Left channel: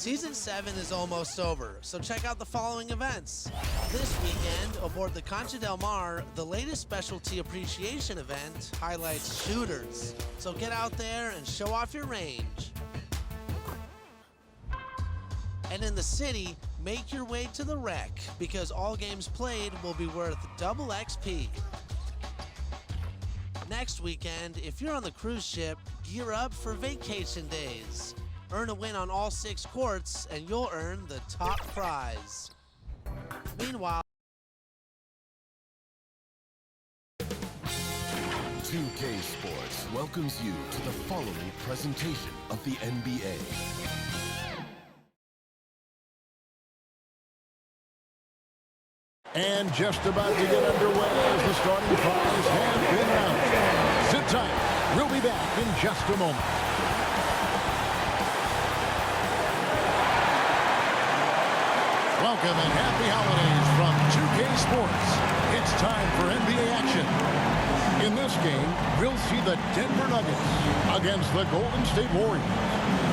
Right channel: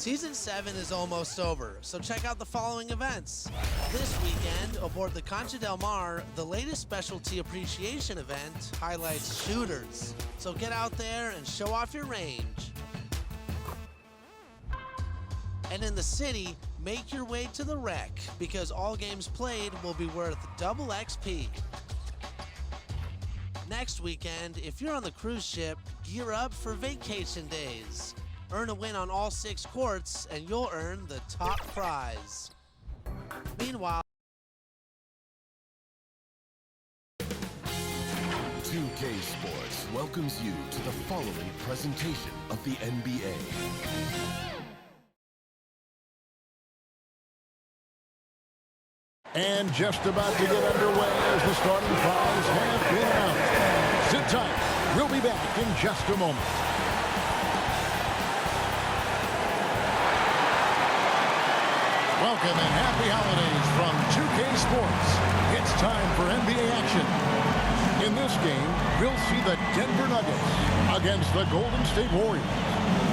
Season 7 is almost over, so check out the following events. This weekend, aboard the Concha del Mar, the latest specialty appreciation event highlights shooters. So get out there and show off your range. And in the city, make your way to the Rec, because all games played will be worth double XP. Next weekend, if you're on the cruise ship, gear up for vacation days. Earn a win on all 6 courts, and you'll earn the top prize. Meanwhile, 2K Sports welcomes you to the following presentation of the NBA. And just about to get underway as the starting fives have been announced. Sit tight. We'll be back in just a moment. Welcome and happy holidays from 2K Sports. It's time for NBA action. In this game, we'll see the Denver Nuggets against the Golden State Warriors.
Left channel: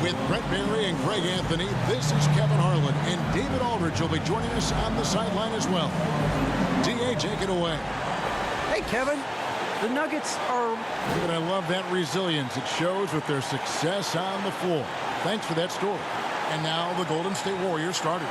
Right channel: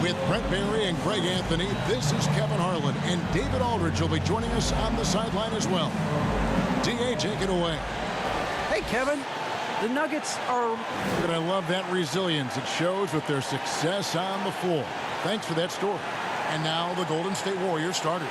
With Brent Barry and Greg Anthony, this is Kevin Harlan, and David Aldridge will be joining us on the sideline as well. DA, take it away. Hey, Kevin. The Nuggets are... And I love that resilience it shows with their success on the floor. Thanks for that story. And now the Golden State Warriors starters.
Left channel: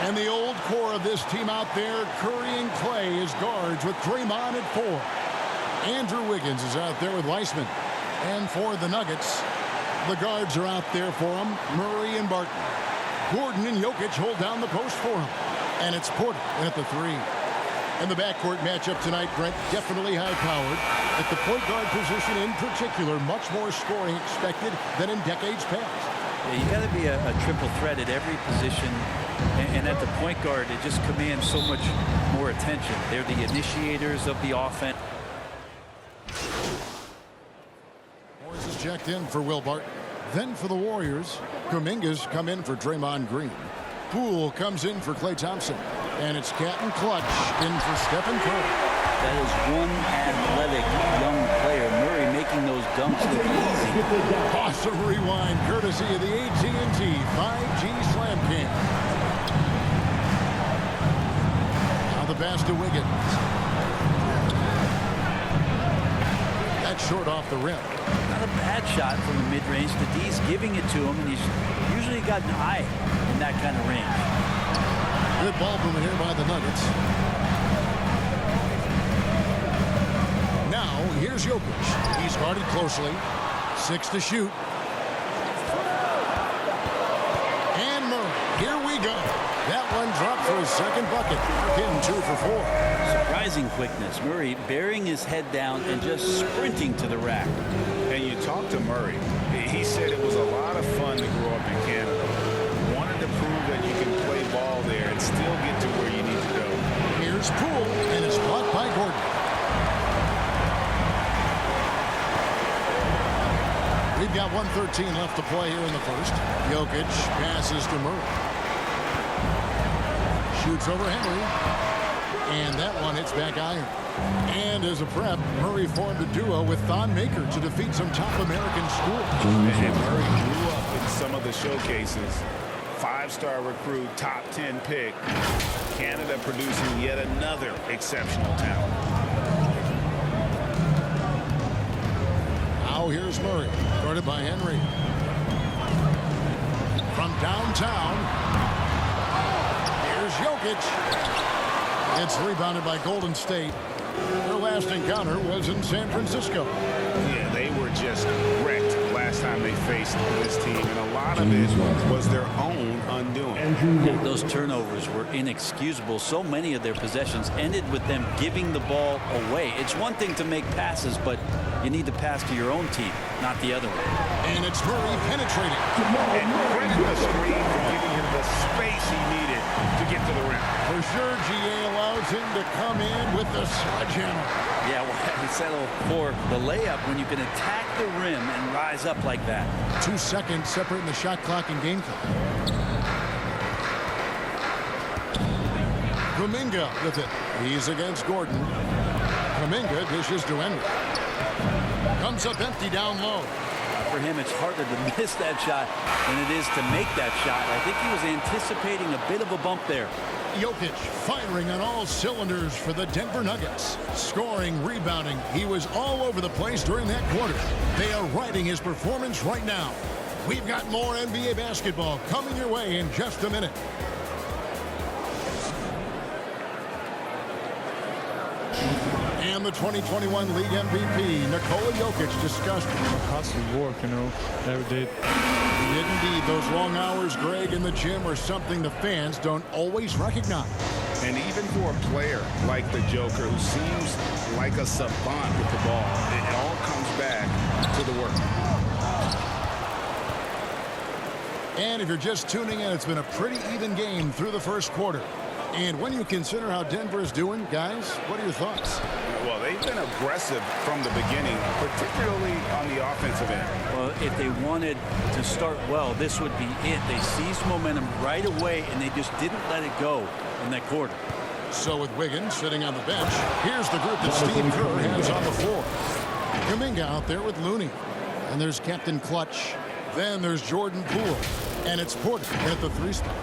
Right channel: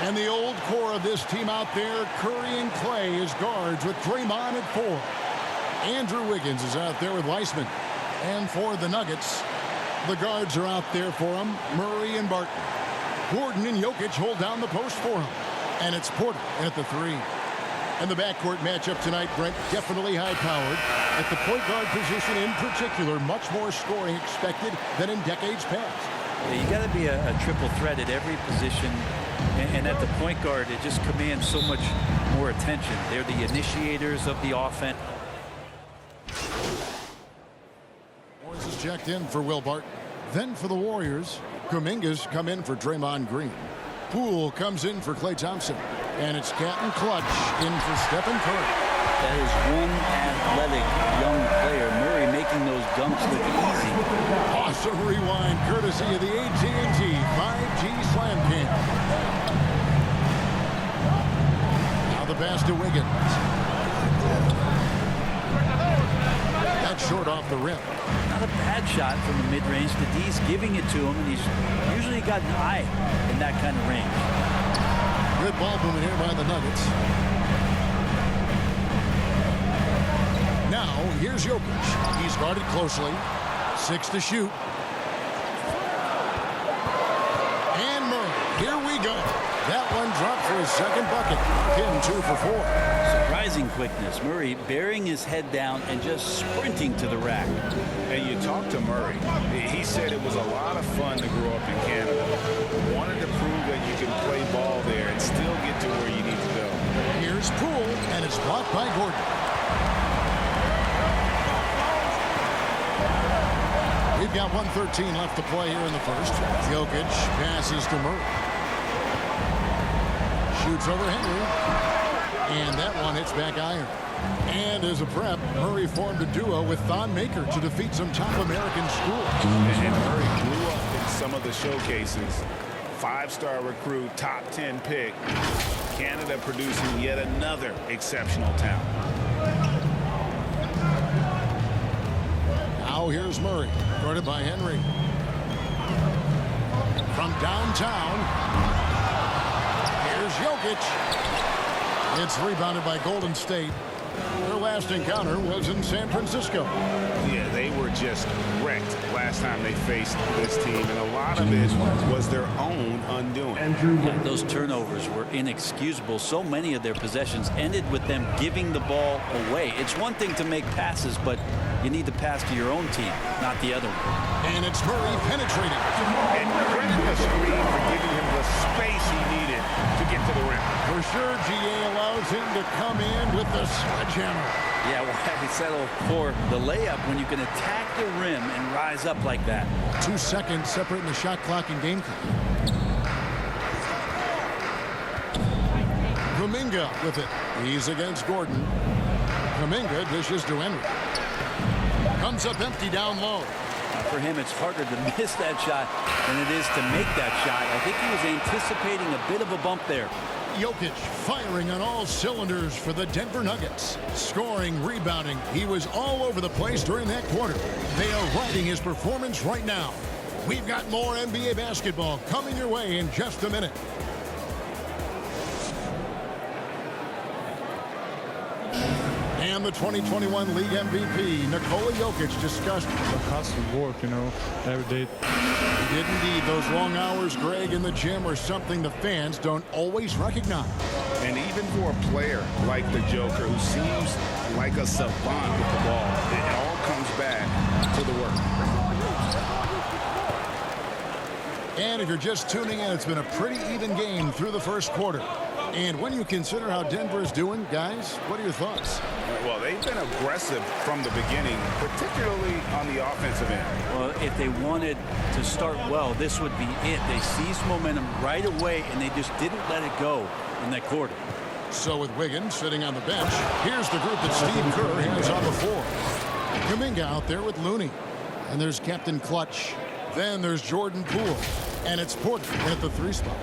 And the old core of this team out there, Curry and Clay as guards with Draymond at 4. Andrew Wiggins is out there with Weissman. And for the Nuggets, the guards are out there for him, Murray and Barton. Gordon and Jokic hold down the post for him. And it's Porter in at the 3. And the backcourt matchup tonight, Brent, definitely high-powered. At the point guard position in particular, much more scoring expected than in decades past. Yeah, you got to be a triple threat at every position. And at the point guard, it just commands so much more attention. They're the initiators of the offense. Morris is checked in for Will Barton. Then for the Warriors, Kuminga's come in for Draymond Green. Poole comes in for Klay Thompson. And it's Captain Clutch in for Stephen Curry. That is one athletic young player. Murray making those dunks look easy. Awesome rewind courtesy of the AT&T 5G Slam Cam. Now the pass to Wiggins. That's short off the rim. Not a bad shot from the mid-range. The D's giving it to him, and he's usually got an eye in that kind of range. Good ball movement here by the Nuggets. Now, here's Jokic. He's guarded closely. 6 to shoot. And Murray. Here we go. That one dropped for his second bucket. Mark him 2 for 4. Surprising quickness. Murray burying his head down and just sprinting to the rack. And you talk to Murray. He said it was a lot of fun to grow up in Canada. Wanted to prove that you can play ball there and still get to where you need to go. Here's Poole, and it's blocked by Gordon. We've got 1:13 left to play here in the first. Jokic passes to Murray. Shoots over Henry. And that one hits back iron. And as a prep, Murray formed a duo with Thon Maker to defeat some top American schools. And Murray grew up in some of the showcases. 5-star recruit, top 10 pick. Canada producing yet another exceptional talent. Now here's Murray, guarded by Henry. From downtown, here's Jokic. It's rebounded by Golden State. Their last encounter was in San Francisco. Yeah, they were just wrecked last time they faced this team, and a lot of it was their own undoing. Yeah, those turnovers were inexcusable. So many of their possessions ended with them giving the ball away. It's one thing to make passes, but you need to pass to your own team, not the other one. And it's Murray penetrating. And credit the screen for giving him the space he needed to get to the rim. For sure, GA allows him to come in with the sledgehammer. Yeah, why settle for the layup when you can attack the rim and rise up like that? 2 seconds separating the shot clock and game clock. Kuminga with it. He's against Gordon. Kuminga dishes to Henry. Comes up empty down low. For him, it's harder to miss that shot than it is to make that shot. I think he was anticipating a bit of a bump there. Jokic firing on all cylinders for the Denver Nuggets. Scoring, rebounding. He was all over the place during that quarter. They are riding his performance right now. We've got more NBA basketball coming your way in just a minute. And the 2021 League MVP, Nikola Jokic, discussed the hustle work, every day. He did indeed. Those long hours, Greg, in the gym are something the fans don't always recognize. And even for a player like the Joker, who seems like a savant with the ball, it all comes back to the work. And if you're just tuning in, it's been a pretty even game through the first quarter. And when you consider how Denver is doing, guys, what are your thoughts? Well, they've been aggressive from the beginning, particularly on the offensive end. Well, if they wanted to start well, this would be it. They seized momentum right away, and they just didn't let it go in that quarter. So with Wiggins sitting on the bench, here's the group that Steve Kerr has on the floor. Kuminga out there with Looney. And there's Captain Clutch. Then there's Jordan Poole. And it's Porter at the 3 spot.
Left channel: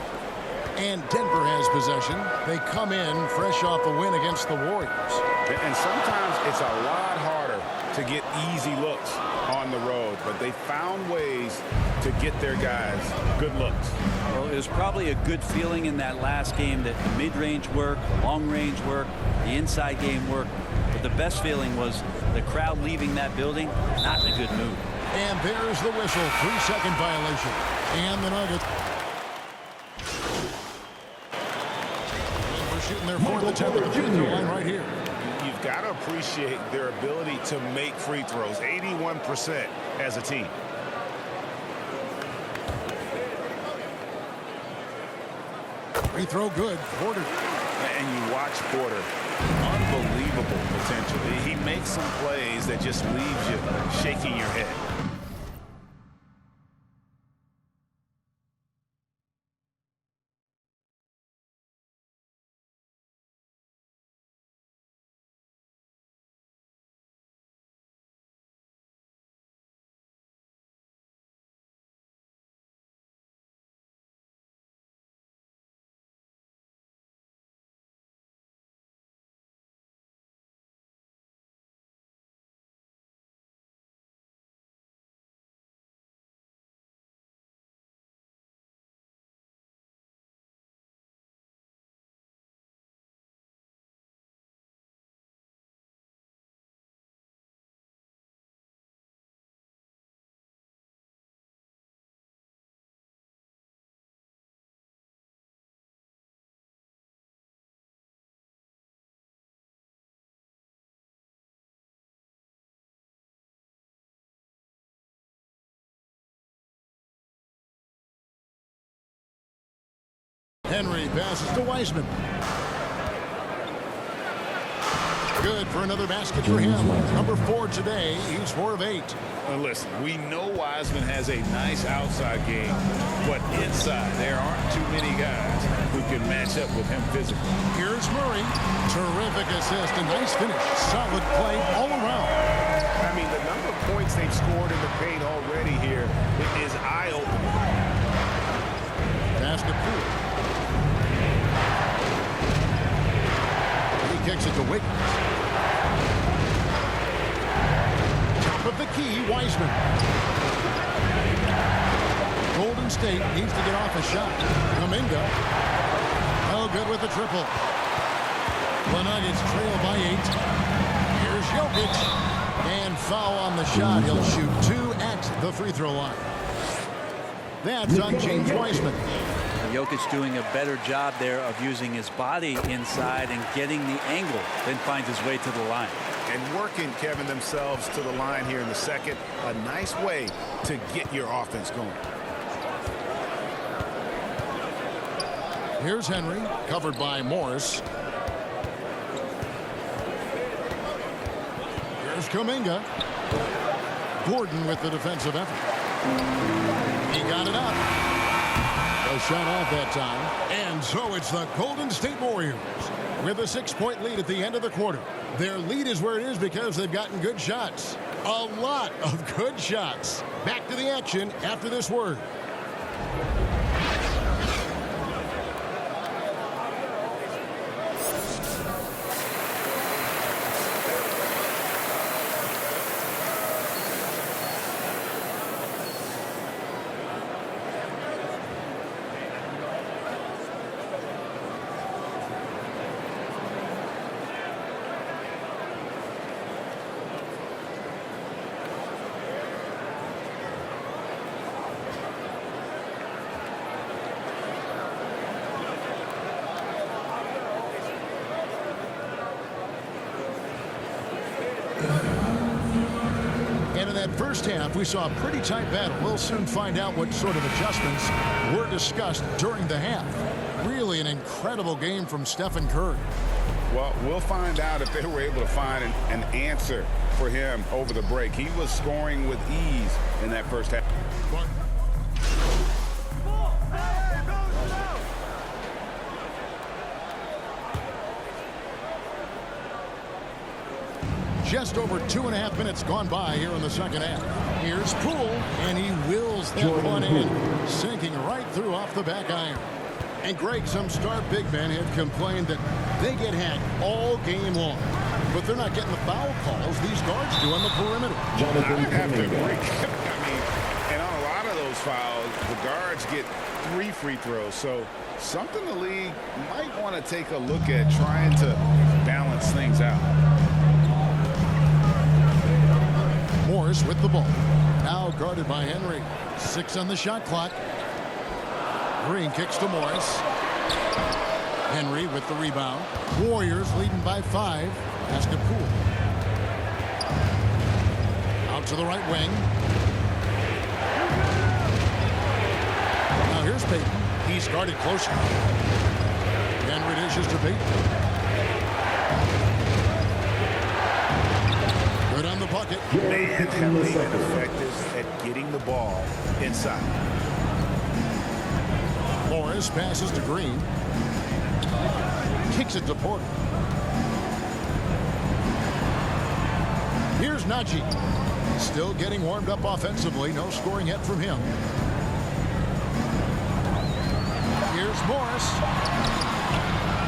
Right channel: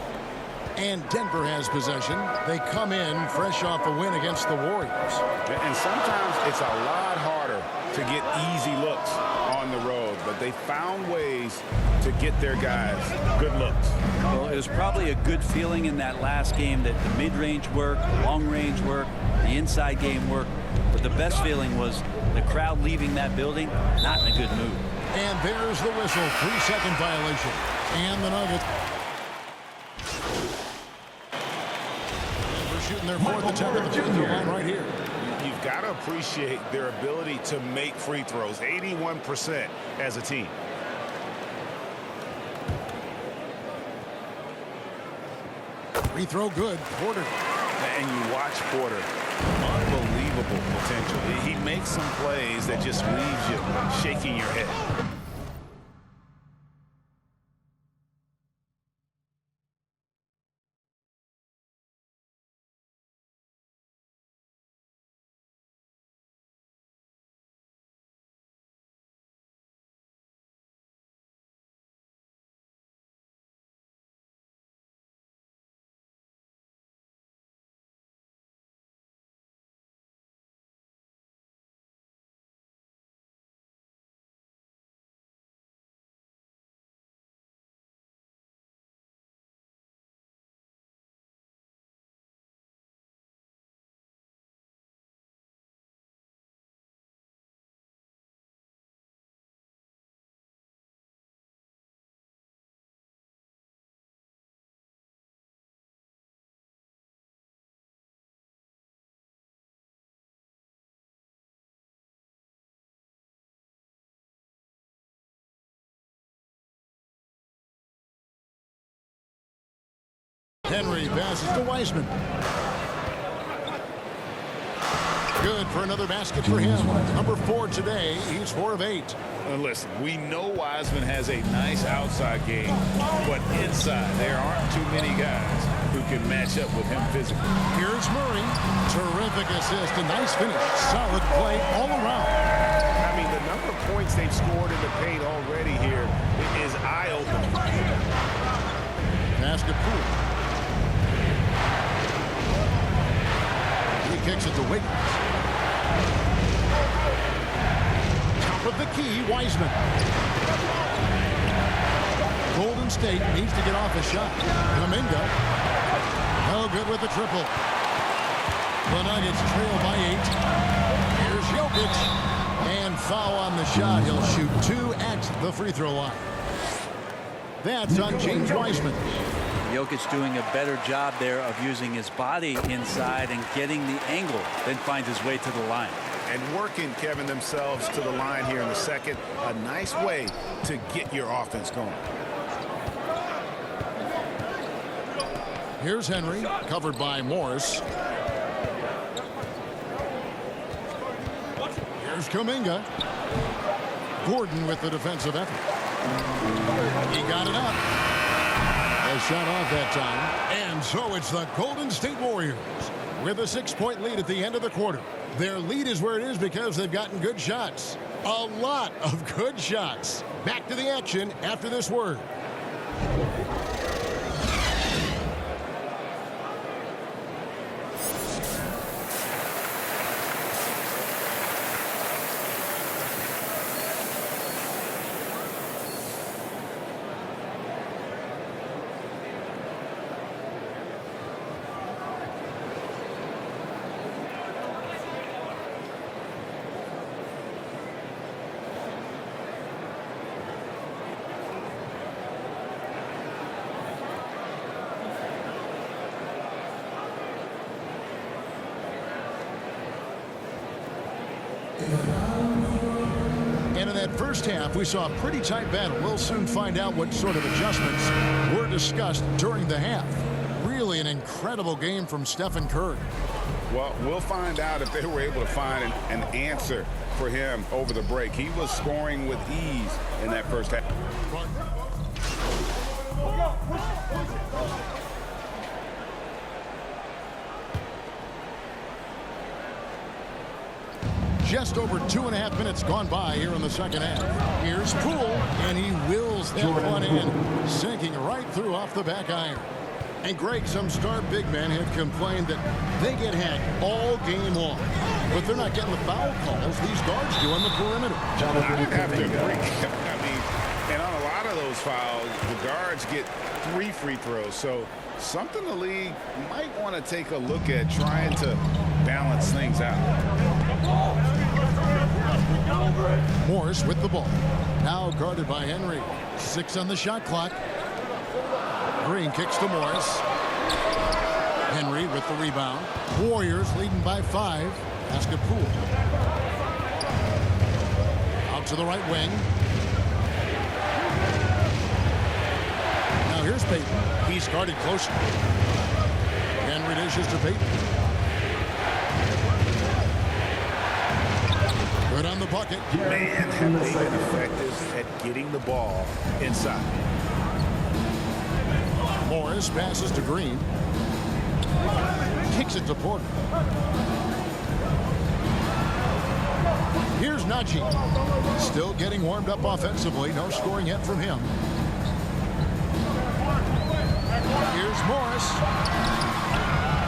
And Denver has possession. They come in fresh off a win against the Warriors. And sometimes it's a lot harder to get easy looks on the road, but they found ways to get their guys good looks. Well, it was probably a good feeling in that last game that the mid-range worked, the long-range worked, the inside game worked. But the best feeling was the crowd leaving that building not in a good mood. And there's the whistle. 3-second violation. And the Nuggets. Shooting their fourth attempt at the free throw line right here. You've got to appreciate their ability to make free throws. 81% as a team. Free throw good. Porter. And you watch Porter. Unbelievable potential. He makes some plays that just leaves you shaking your head. Henry passes to Wiseman. Good for another basket for him. Number 4 today. He's 4 of 8. Listen, we know Wiseman has a nice outside game, but inside there aren't too many guys who can match up with him physically. Here's Murray. Terrific assist. A nice finish. Solid play all around. I mean, the number of points they've scored in the paint already here is eye-opening. Pass to Poole. He kicks it to Wiggins. Top of the key, Wiseman. Golden State needs to get off a shot. Kuminga. No good with the triple. The Nuggets trail by 8. Here's Jokic. And foul on the shot. He'll shoot 2 at the free throw line. That's on James Wiseman. Jokic doing a better job there of using his body inside and getting the angle, then finds his way to the line. And working, Kevin, themselves to the line here in the second. A nice way to get your offense going. Here's Henry, covered by Morris. Here's Kuminga. Gordon with the defensive effort. He got it up. A shot off that time. And so it's the Golden State Warriors with a 6-point lead at the end of the quarter. Their lead is where it is because they've gotten good shots. A lot of good shots. Back to the action after this word. And in that first half, we saw a pretty tight battle. We'll soon find out what sort of adjustments were discussed during the half. Really an incredible game from Stephen Curry. Well, we'll find out if they were able to find an answer for him over the break. He was scoring with ease in that first half. Just over 2.5 minutes gone by here in the second half. Here's Poole, and he wills that one in, sinking right through off the back iron. And Greg, some star big men had complained that they get hacked all game long, but they're not getting the foul calls these guards do on the perimeter. I have to agree. I mean, and on a lot of those fouls, the guards get 3 free throws. So something the league might want to take a look at, trying to balance things out. Morris with the ball. Now guarded by Henry. 6 on the shot clock. Green kicks to Morris. Henry with the rebound. Warriors leading by 5. Pass to Poole. Out to the right wing. Now here's Payton. He's guarded closely. Henry dishes to Payton. Good on the bucket. Man, have they been effective at getting the ball inside. Morris passes to Green. Kicks it to Porter. Here's Najee. Still getting warmed up offensively. No scoring yet from him. Here's Morris.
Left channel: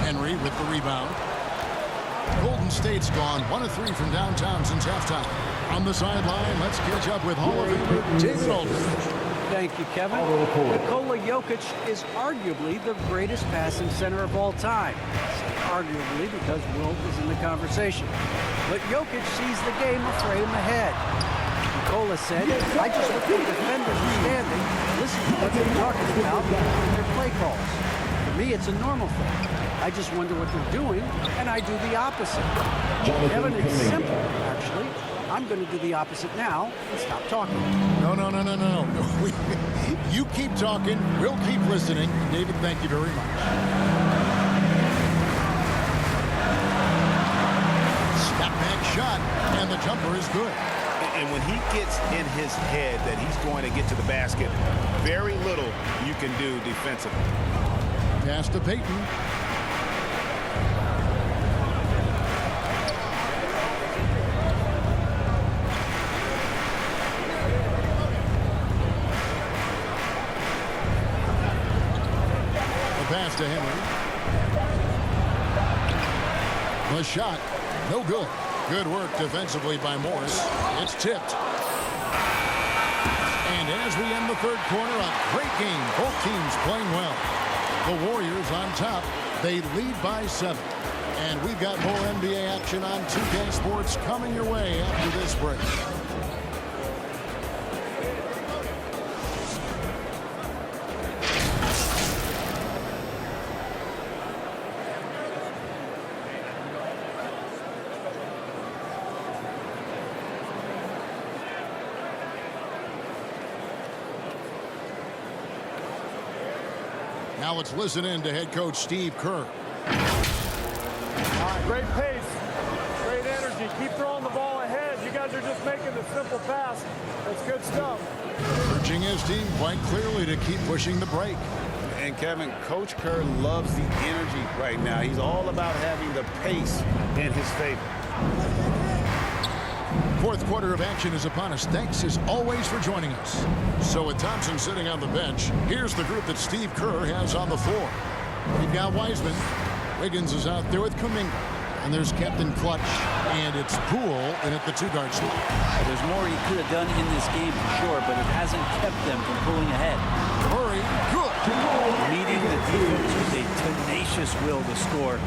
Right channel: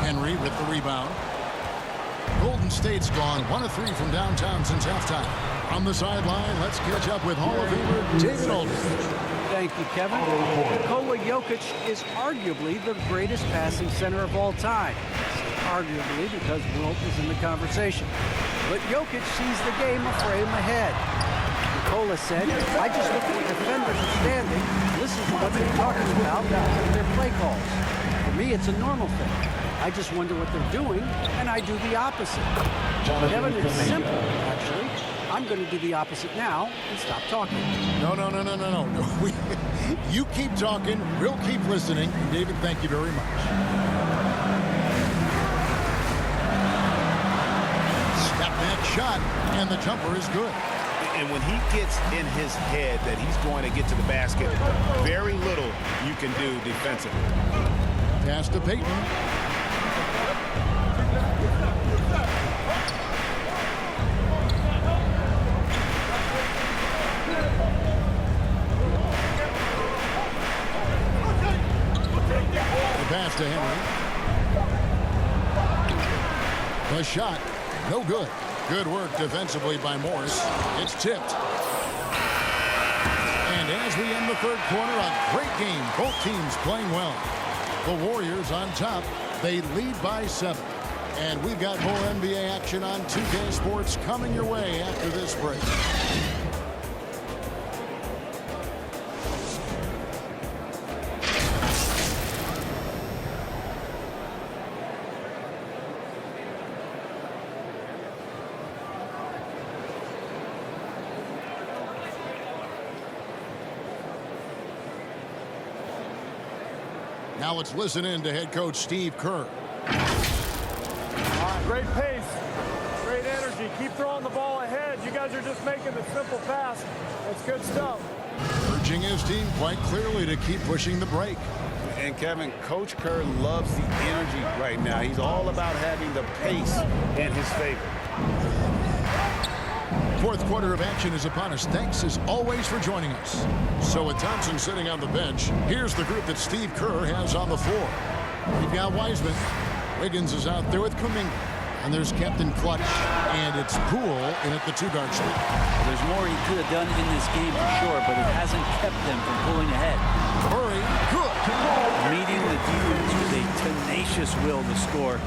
Henry with the rebound. Golden State's gone 1 of 3 from downtown since halftime. On the sideline, let's catch up with Hall of Famer David Aldridge. Thank you, Kevin. Nikola Jokic is arguably the greatest passing center of all time. I say arguably because Wilt is in the conversation. But Jokic sees the game a frame ahead. Nikola said, I just look where defenders are standing, listen to what they're talking about in their play calls. For me, it's a normal thing. I just wonder what they're doing, and I do the opposite. Kevin, it's simple, actually. I'm going to do the opposite now and stop talking. No. You keep talking. We'll keep listening. And David, thank you very much. Step back shot, and the jumper is good. And when he gets in his head that he's going to get to the basket, very little you can do defensively. Pass to Payton. Pass to Henry. The shot, no good. Good work defensively by Morris. It's tipped. And as we end the third quarter, a great game. Both teams playing well. The Warriors on top. They lead by 7. And we've got more NBA action on 2K Sports coming your way after this break. Now let's listen in to head coach Steve Kerr. All right, great pace, great energy. Keep throwing the ball ahead. You guys are just making the simple pass. That's good stuff. Urging his team quite clearly to keep pushing the break. And Kevin, Coach Kerr loves the energy right now. He's all about having the pace in his favor. Fourth quarter of action is upon us. Thanks as always for joining us. So with Thompson sitting on the bench, here's the group that Steve Kerr has on the floor. We've got Wiseman. Wiggins is out there with Kuminga. And there's Captain Clutch. And it's Poole in at the two-guard spot. Well, there's more he could have done in this game for sure, but it hasn't kept them from pulling ahead. Murray, good. Meeting the defense with a tenacious will to score.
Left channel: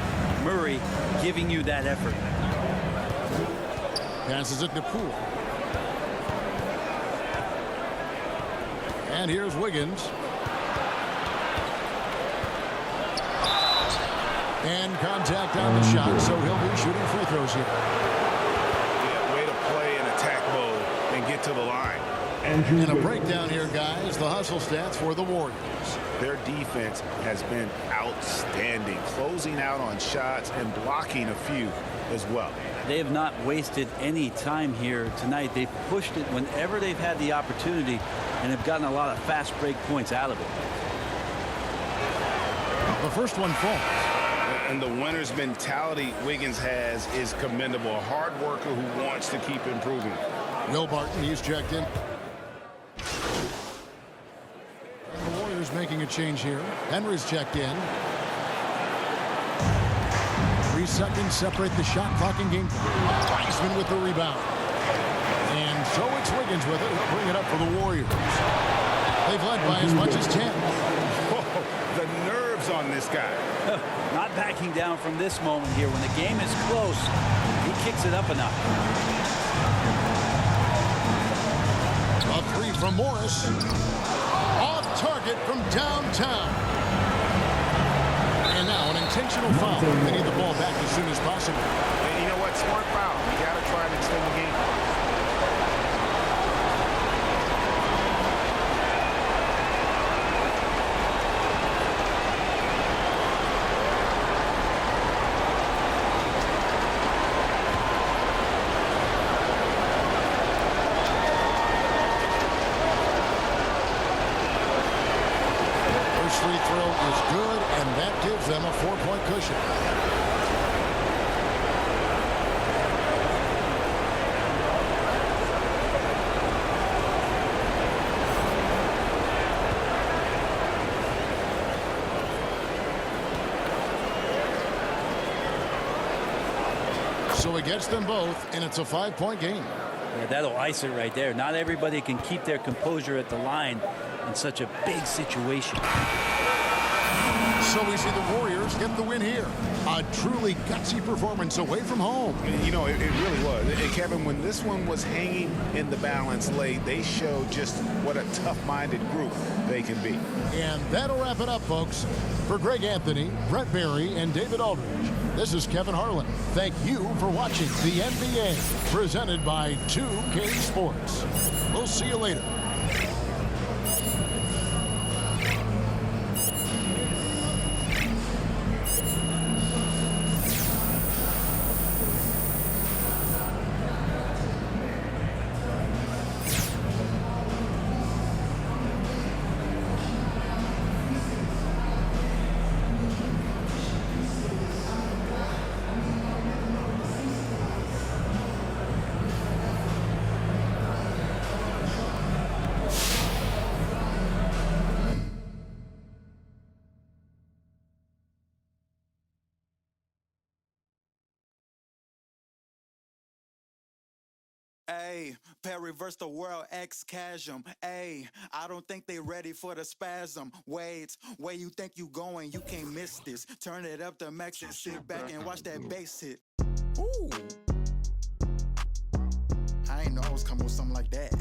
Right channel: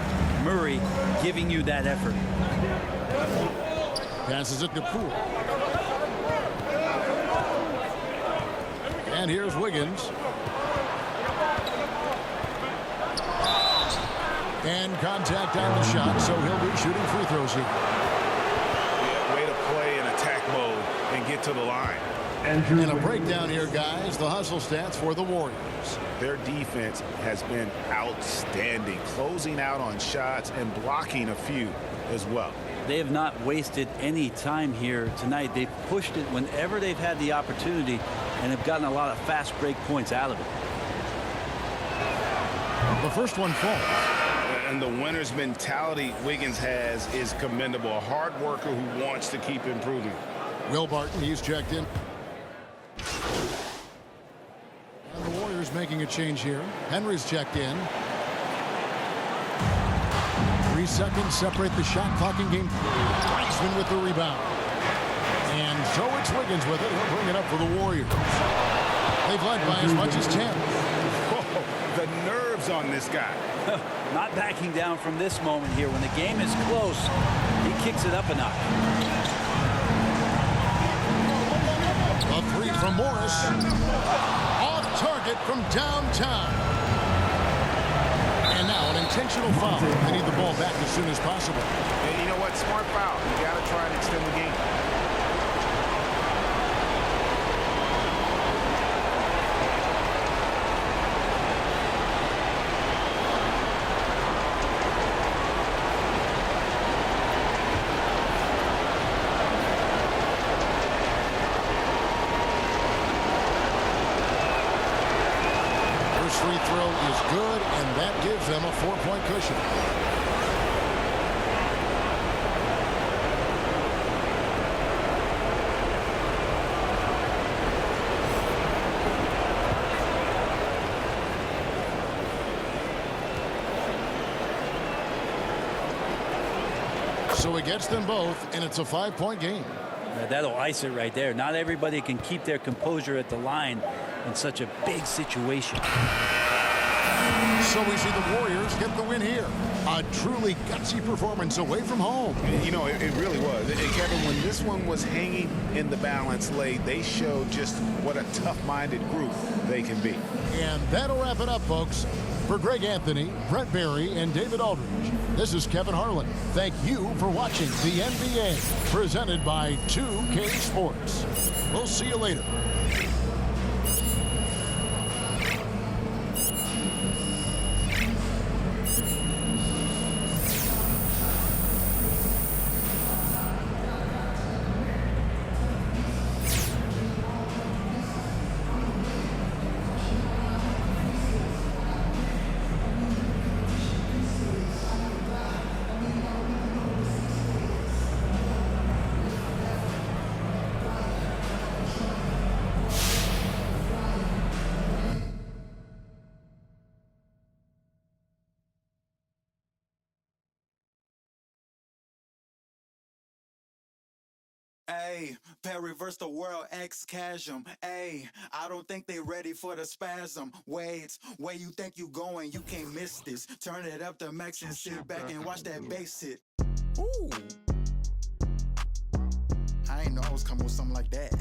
Murray giving you that effort. Passes it to Poole. And here's Wiggins. And contact on the shot, so he'll be shooting free throws here. Yeah, way to play in attack mode and get to the line. And a breakdown here, guys. The hustle stats for the Warriors. Their defense has been outstanding, closing out on shots and blocking a few as well. They have not wasted any time here tonight. They've pushed it whenever they've had the opportunity and have gotten a lot of fast break points out of it. The first one falls. And the winner's mentality Wiggins has is commendable. A hard worker who wants to keep improving. Will Barton, he's checked in. And the Warriors making a change here. Henry's checked in. 3 seconds separate the shot clock and game clock. Wiseman with the rebound. And so it's Wiggins with it. He'll bring it up for the Warriors. They've led by as much as 10. Whoa, the nerves on this guy. Not backing down from this moment here. When the game is close, he kicks it up a notch. A 3 from Morris. Off target from downtown. And now an intentional foul. They need the ball back as soon as possible. And you know what? Smart foul. You got to try and extend the game. First free throw is good, and that gives them a 4-point cushion. So it gets them both, and it's a 5-point game. Yeah, that'll ice it right there. Not everybody can keep their composure at the line in such a big situation. So we see the Warriors get the win here. A truly gutsy performance away from home. You know, it really was. And Kevin, when this one was hanging in the balance late, they showed just what a tough-minded group they can be. And that'll wrap it up, folks. For Greg Anthony, Brett Barry, and David Aldridge, this is Kevin Harlan. Thank you for watching the NBA, presented by 2K Sports. We'll see you later. Ayy, reverse the world, X-Chasm. Ayy, I don't think they ready for the spasm. Wait, where you think you going? You can't miss this. Turn it up to max and sit back and watch that bass hit. Ooh. I ain't know I was coming with something like that.